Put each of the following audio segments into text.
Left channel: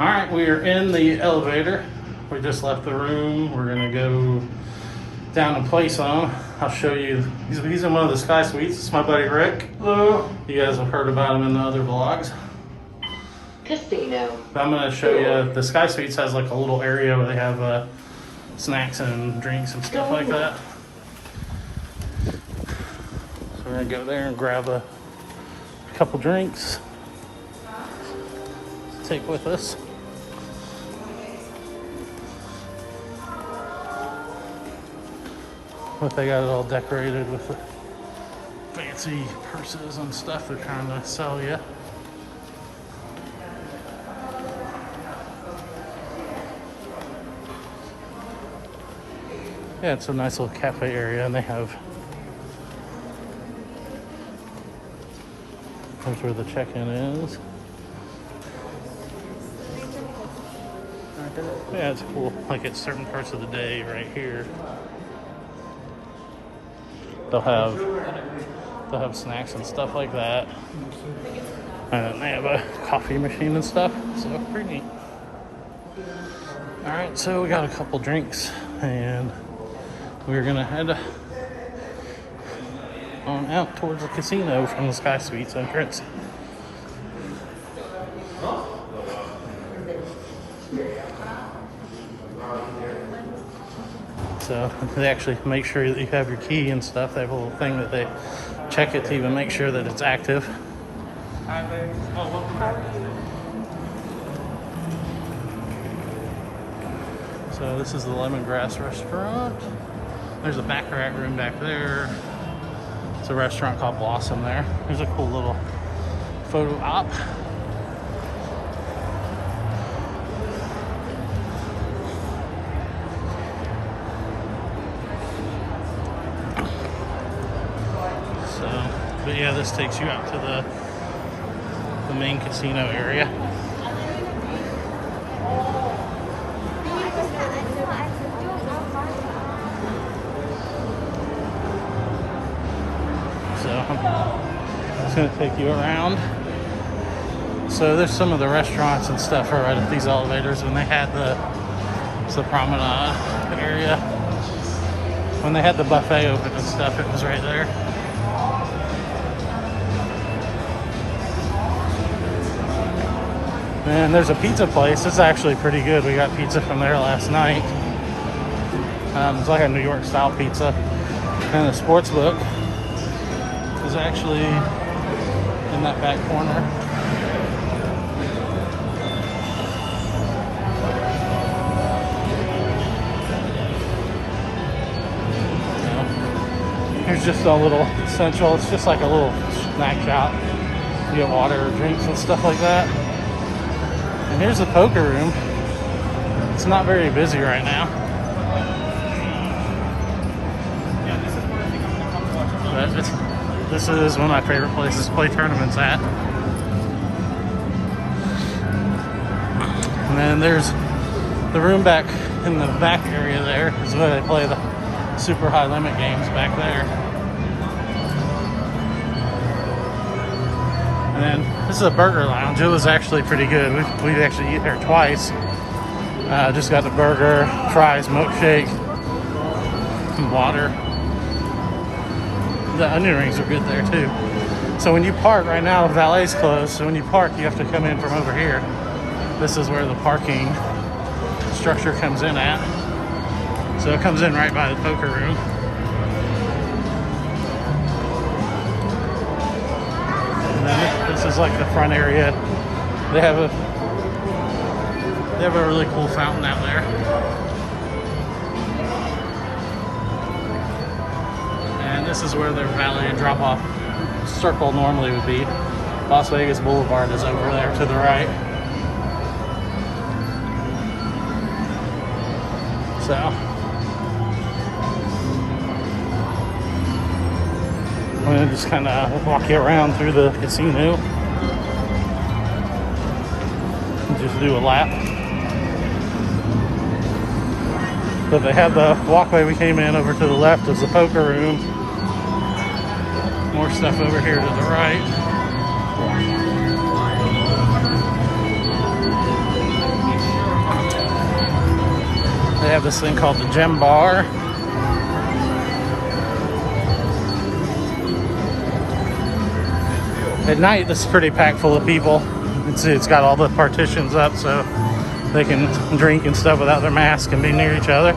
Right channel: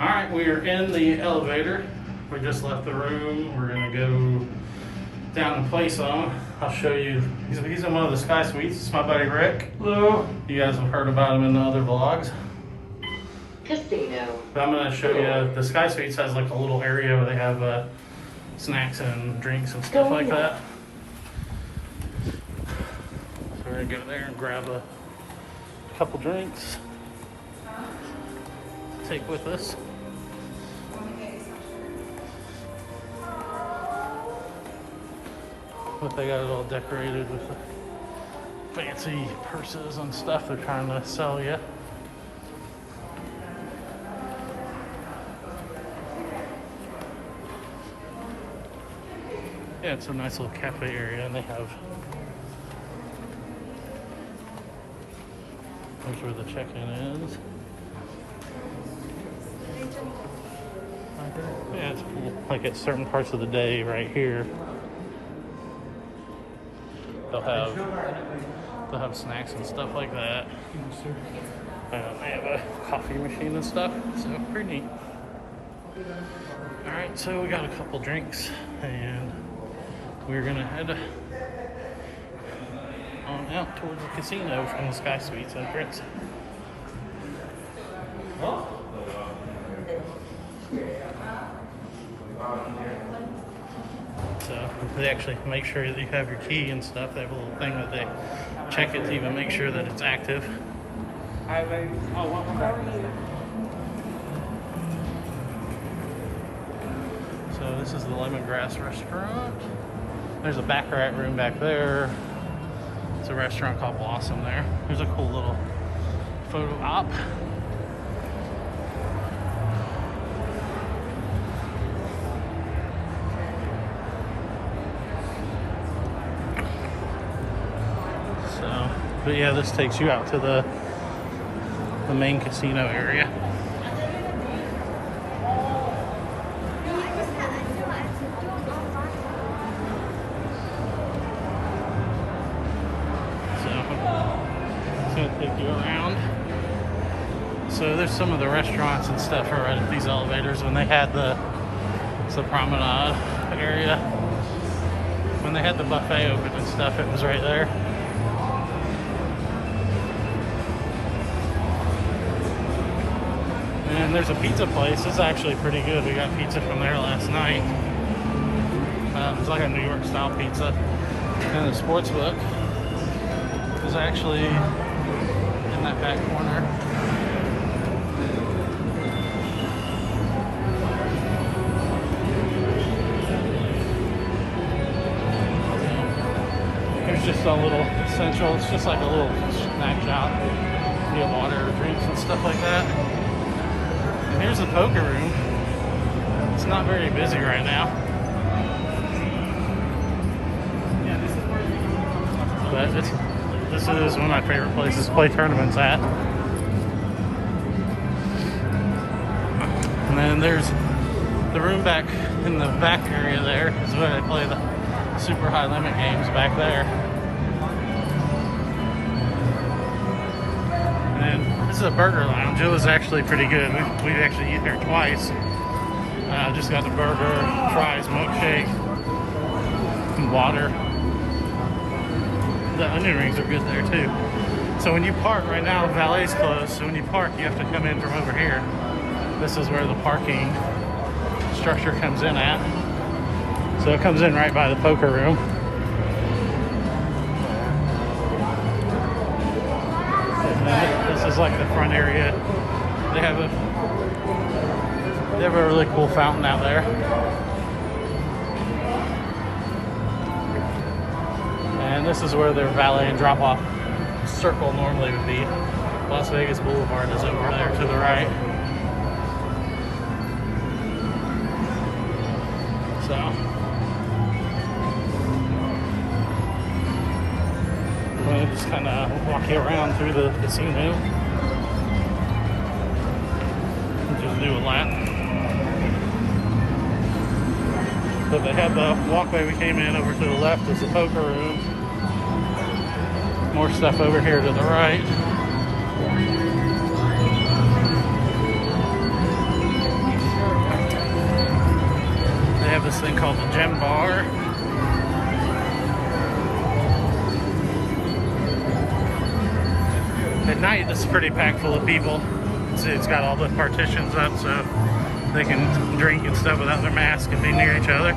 Alright, we are in the elevator. We just left the room. We're gonna go down to Play Zone. I'll show you. He's in one of the Sky Suites. It's my buddy Rick. Hello. You guys have heard about him in the other vlogs. Casino. But I'm gonna show you. The Sky Suites has like a little area where they have snacks and drinks and stuff like that. So we're gonna go there and grab a couple drinks to take with us. But they got it all decorated with fancy purses and stuff they're trying to sell you. Yeah, it's a nice little cafe area, and they have, that's where the check-in is. Yeah, it's cool. Like at certain parts of the day right here, they'll have snacks and stuff like that. And then they have a coffee machine and stuff, so pretty neat. Alright, so we got a couple drinks, and we're gonna head on out towards the casino from the Sky Suites entrance. So they actually make sure that you have your key and stuff. They have a little thing that they check it to even make sure that it's active. So this is the Lemongrass restaurant. There's a baccarat room back there. It's a restaurant called Blossom there. There's a cool little photo op. So, but yeah, this takes you out to the main casino area. Going to take you around. So there's some of the restaurants and stuff are right at these elevators. When they had the promenade area, when they had the buffet open and stuff, it was right there. And there's a pizza place. It's actually pretty good. We got pizza from there last night. It's like a New York style pizza. And the sports book is actually in that back corner. There's just a little central, it's just like a little snack shop. You get water or drinks and stuff like that. And here's the poker room. It's not very busy right now, but this is one of my favorite places to play tournaments at. And then there's the room back in the back area there is where they play the super high limit games back there. And then this is a burger lounge. It was actually pretty good. We actually eat there twice. Just got the burger, fries, milkshake, and water. The onion rings are good there too. So when you park right now, valet's closed. So when you park, you have to come in from over here. This is where the parking structure comes in at. So it comes in right by the poker room. And then this is like the front area. They have a really cool fountain out there. And this is where their valet and drop-off circle normally would be. Las Vegas Boulevard is over there to the right. So, I'm gonna just kind of walk you around through the casino and just do a lap. But they have the walkway we came in over to the left is the poker room. More stuff over here to the right. have this thing called the Gym Bar. At night, this is pretty packed full of people. You can see it's got all the partitions up so they can drink and stuff without their mask and be near each other.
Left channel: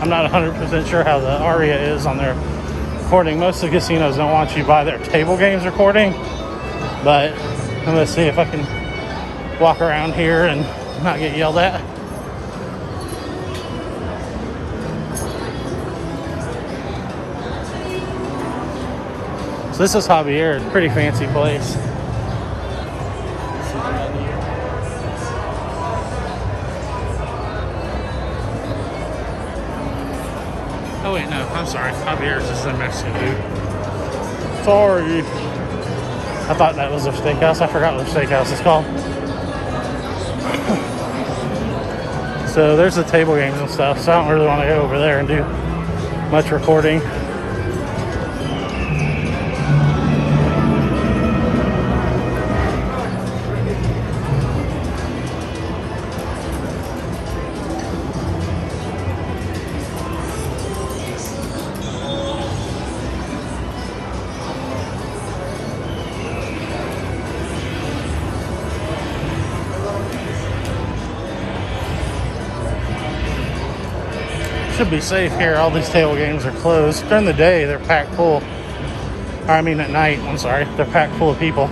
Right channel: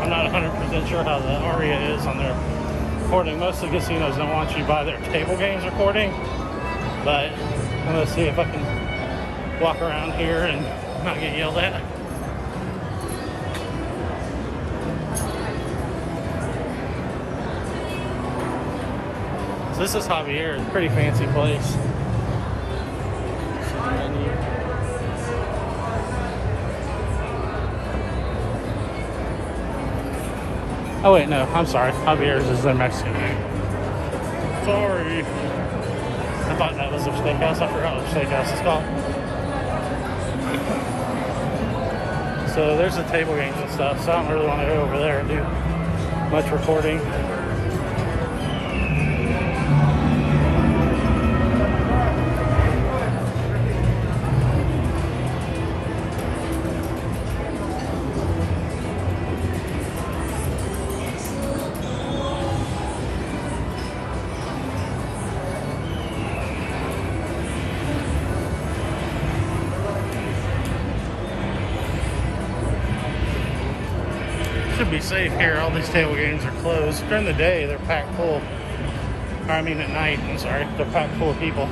I'm not 100% sure how the Aria is on their recording. Most of the casinos don't want you by their table games recording, but I'm gonna see if I can walk around here and not get yelled at. So this is Javier, pretty fancy place. Oh wait, no, I'm sorry. Javier's is the Mexican food. Sorry. I thought that was their steakhouse. I forgot what steakhouse is called. So there's the table games and stuff, so I don't really want to go over there and do much recording. Should be safe here. All these table games are closed. During the day, they're packed full. I mean at night, I'm sorry. They're packed full of people.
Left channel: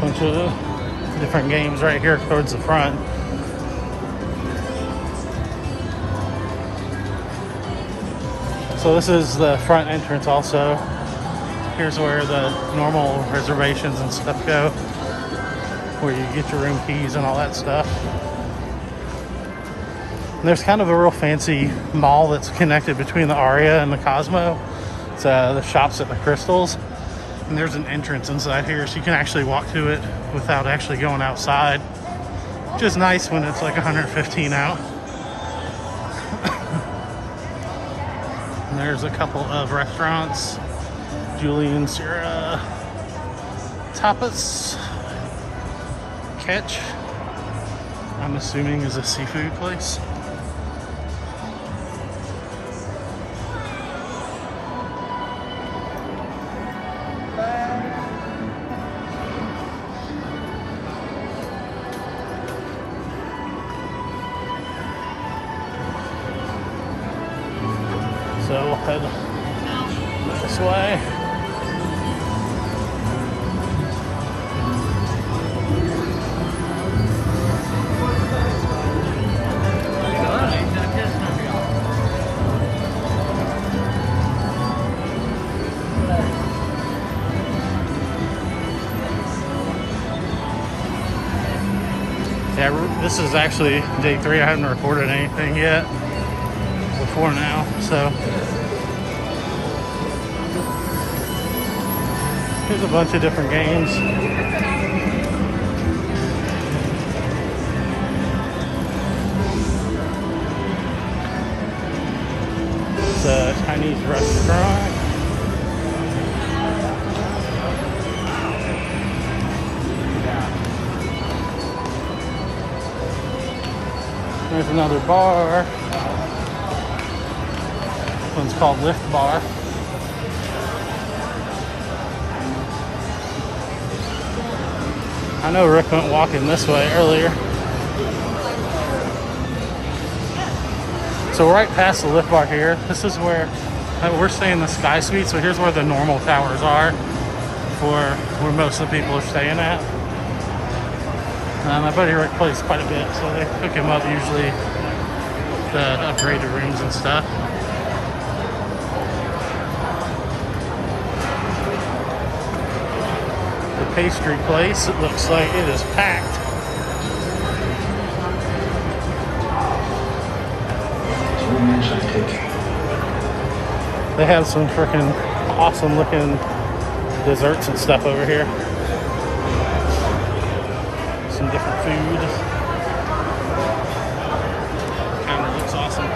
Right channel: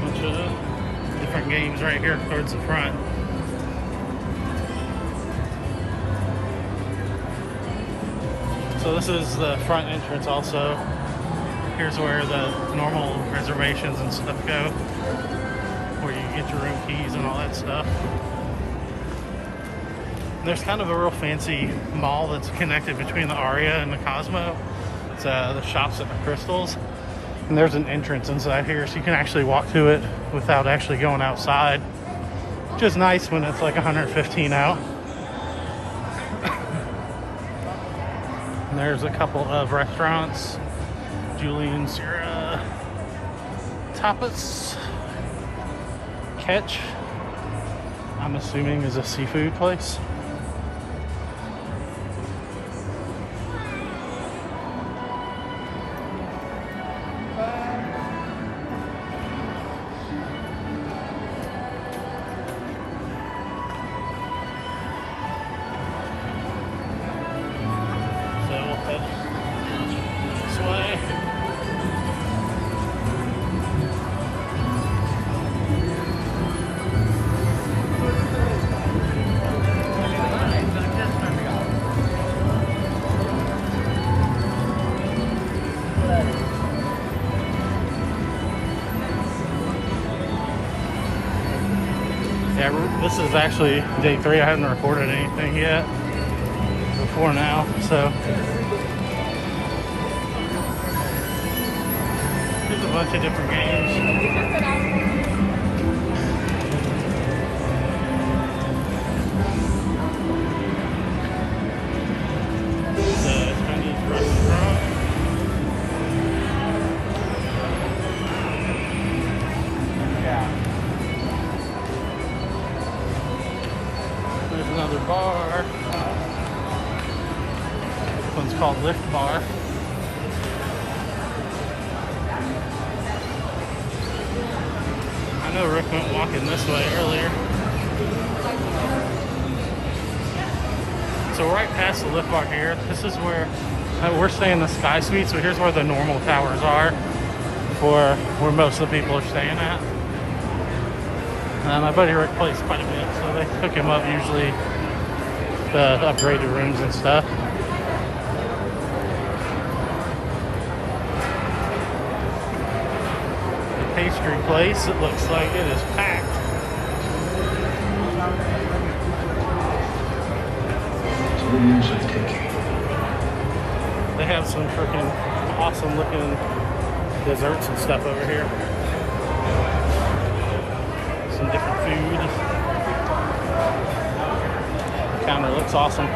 Bunch of different games right here towards the front. So this is the front entrance also. Here's where the normal reservations and stuff go, where you get your room keys and all that stuff. And there's kind of a real fancy mall that's connected between the Aria and the Cosmo. It's the shops at the Crystals. And there's an entrance inside here, so you can actually walk to it without actually going outside. Which is nice when it's like 115 out. And there's a couple of restaurants. Julian Sierra Tapas. Catch, I'm assuming, is a seafood place. So we'll head this way. Yeah, this is actually day 3. I haven't recorded anything yet before now, so there's a bunch of different games. It's a Chinese restaurant. There's another bar. This one's called Lift Bar. I know Rick went walking this way earlier. So right past the Lift Bar here, this is where we're staying in the Sky Suite. So here's where the normal towers are for where most of the people are staying at. My buddy Rick plays quite a bit, so they hook him up usually the upgraded rooms and stuff. The pastry place, it looks like it is packed. They have some freaking awesome looking desserts and stuff over here. Some different food. The counter looks awesome.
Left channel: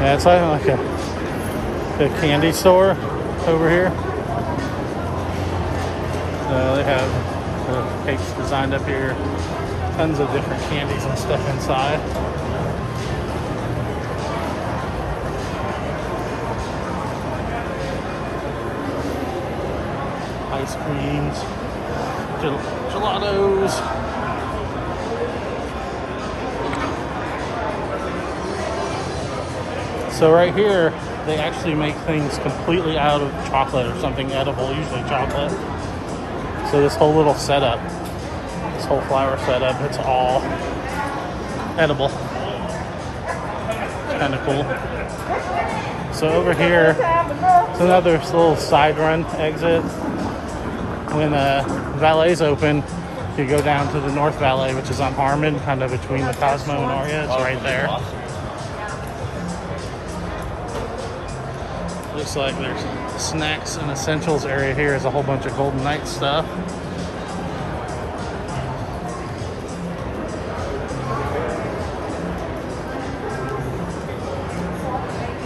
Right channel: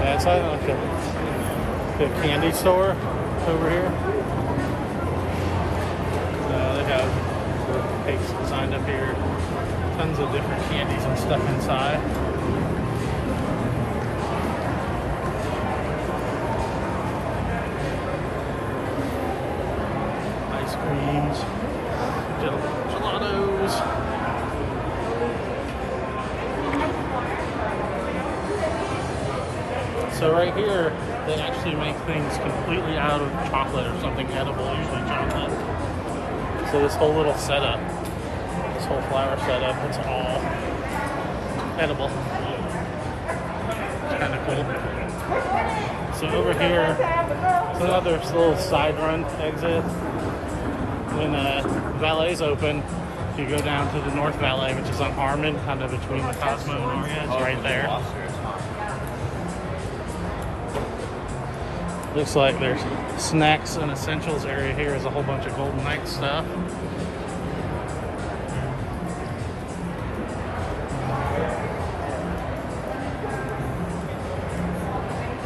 Yeah, it's like a candy store over here. They have cakes designed up here. Tons of different candies and stuff inside. Ice creams, gelatos. So right here, they actually make things completely out of chocolate or something edible, usually chocolate. So this whole little setup, this whole flower setup, it's all edible. It's kind of cool. So over here, it's another little side run exit. When Valet's open, you go down to the North Valet, which is on Harmon, kind of between the Cosmo and Aria. It's right there. Looks like there's snacks and essentials area here is a whole bunch of Golden Knight stuff.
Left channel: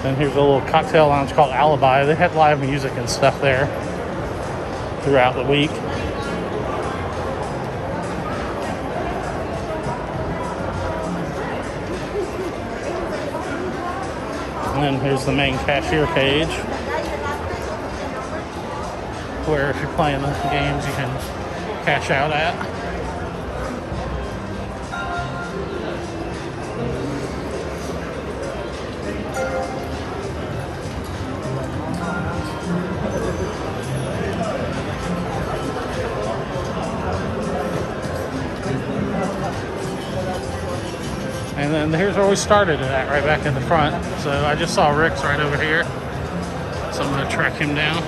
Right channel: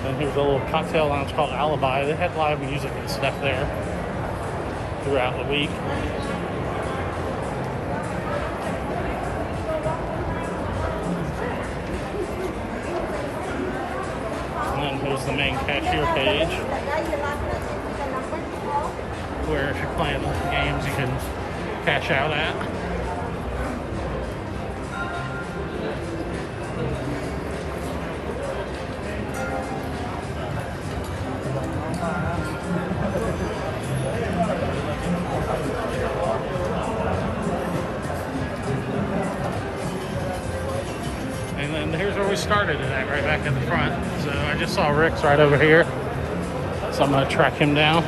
And here's a little cocktail lounge called Alibi. They had live music and stuff there throughout the week. And then here's the main cashier cage, where if you're playing the games you can cash out at. And then here's where we started at, right back in the front. So I just saw Rick's right over here. So I'm gonna track him down.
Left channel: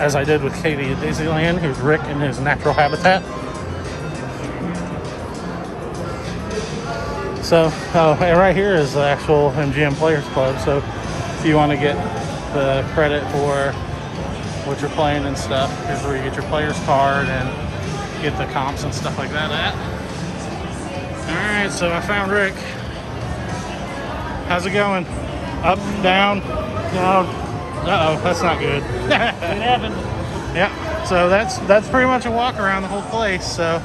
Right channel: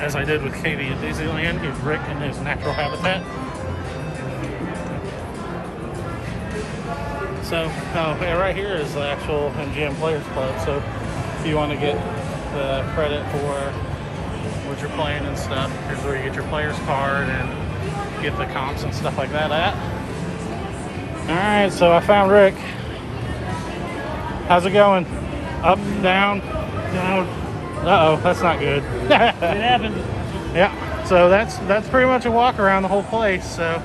As I did with Katie at Disneyland, who's Rick in his natural habitat. So, and right here is the actual MGM Players Club. So if you want to get the credit for what you're playing and stuff, here's where you get your player's card and get the comps and stuff like that at. Alright, so I found Rick. How's it going? Up, down, down. Uh-oh, that's not good. It happened. Yeah, so that's pretty much a walk around the whole place. So